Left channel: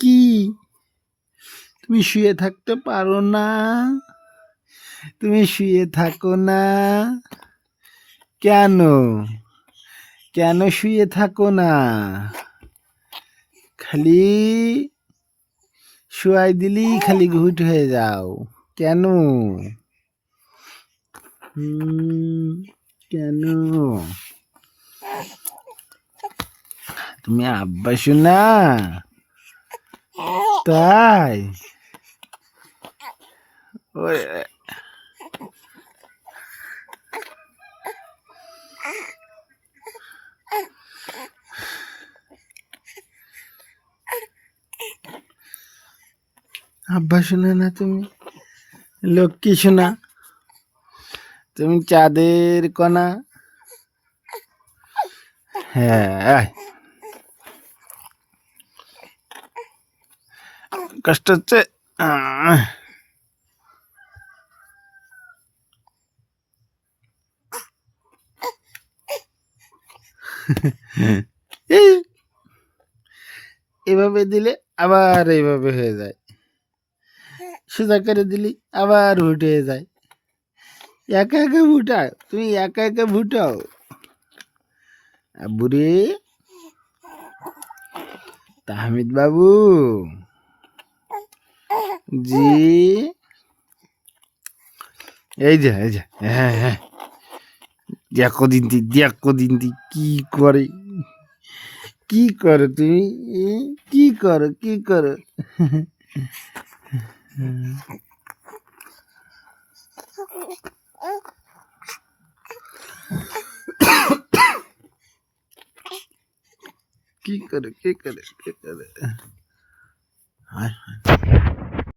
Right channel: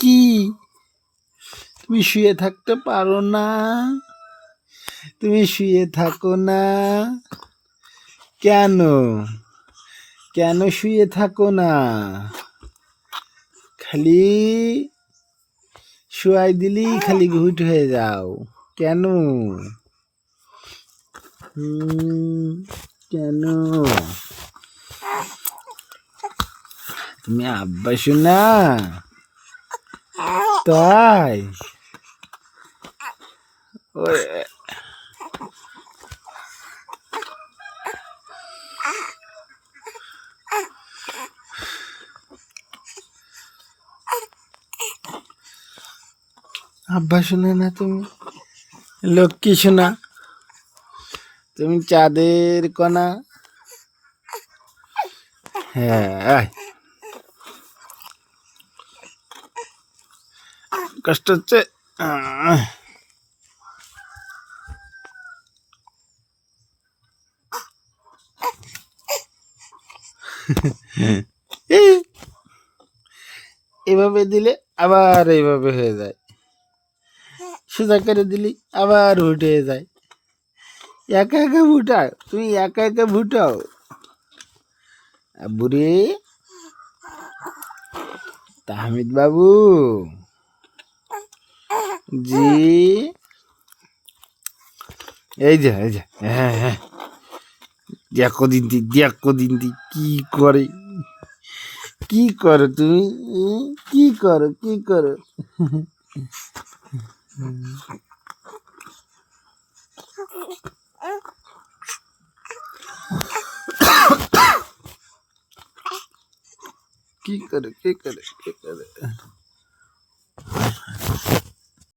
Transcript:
কি তুমি শুয়ে থাকতে পারো না? তুমি শুয়ে থাকো না কেন? কেন শুয়ে থাকো না? খালি শুয়াই দিলি খালি ঘুট হয়ে যাও কেন? কেন? তুমি আব্বা শোনা? তাই আব্বা শোনা না তুমি? লক্ষ্মী শোনা? তুমি চাঁদের কণা? হ্যাঁ, কষ্ট হচ্ছে। এভাবে দিলে আবার এইভাবে হয়ে যায়, সোজা করে দিলি আবার উঠে যায়। একা একা ভুটাও, তুমি একা একা ভুটাও। বুড়ি তাহমিদ বাবু জি, এই যে হ্যাঁ, দেখো দিন কি করে, কি করো তুমি, কি করো কি করে